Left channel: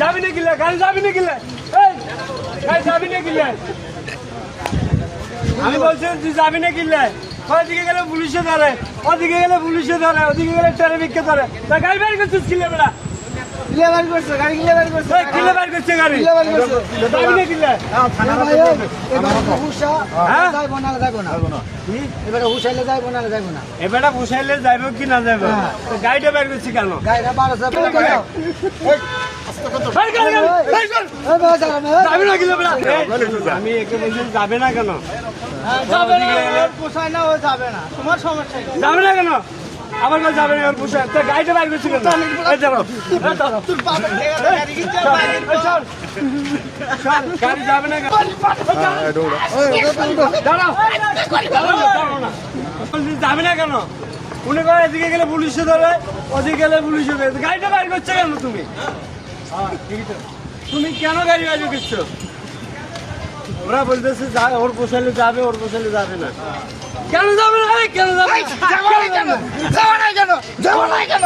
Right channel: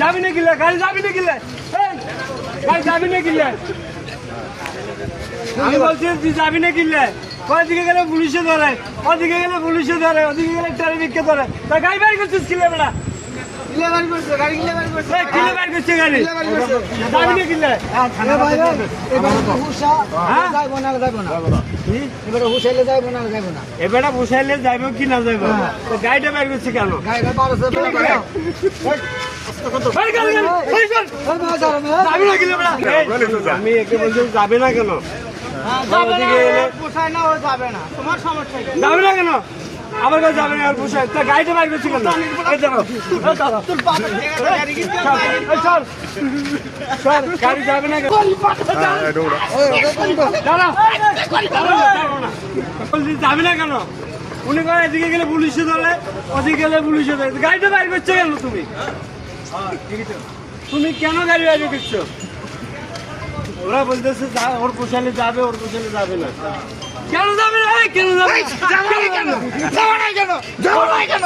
যাবি না কিলে গাড়ি যাবি না কিলে গাড়ি যাবি না কিলে আমি বলছি তুই যাবি না কিলে ওদিকে গেলে পুলিশে ধরে ওদিকে গেলে পুলিশে ধরে ওদিকে গেলে ট্রাফিককে ধরে তা গাড়ি বাইর করছিস কিলে বেড়া গাড়ি কিলে বাইর করছে গাড়ি যাবি না কিলে এবারে ফুসাইলে যাইব কি না যাইব গাড়িটা বাইর করছে কেন আমি একে বলছি যাবে না কেন যাবে না কেন আমার কাছে যাবে না পোষায় তা গাড়িটা বাইর করছি কেন গাড়ি যাবে না যাবে না কেন উনি করে এদিকে গেলে পুলিশে ধরে ওদিকে গেলে পুলিশে ধরে গাড়িটা বাইর করছে কেন তুমি তুমি কেন গাড়ি বাইর করছো ওরা বলতেছে ওর পোষাইলে যাবে ওর পোষাইলে যাবে না কেন যাবে না কেন যাবে না কেন যাবে না কেন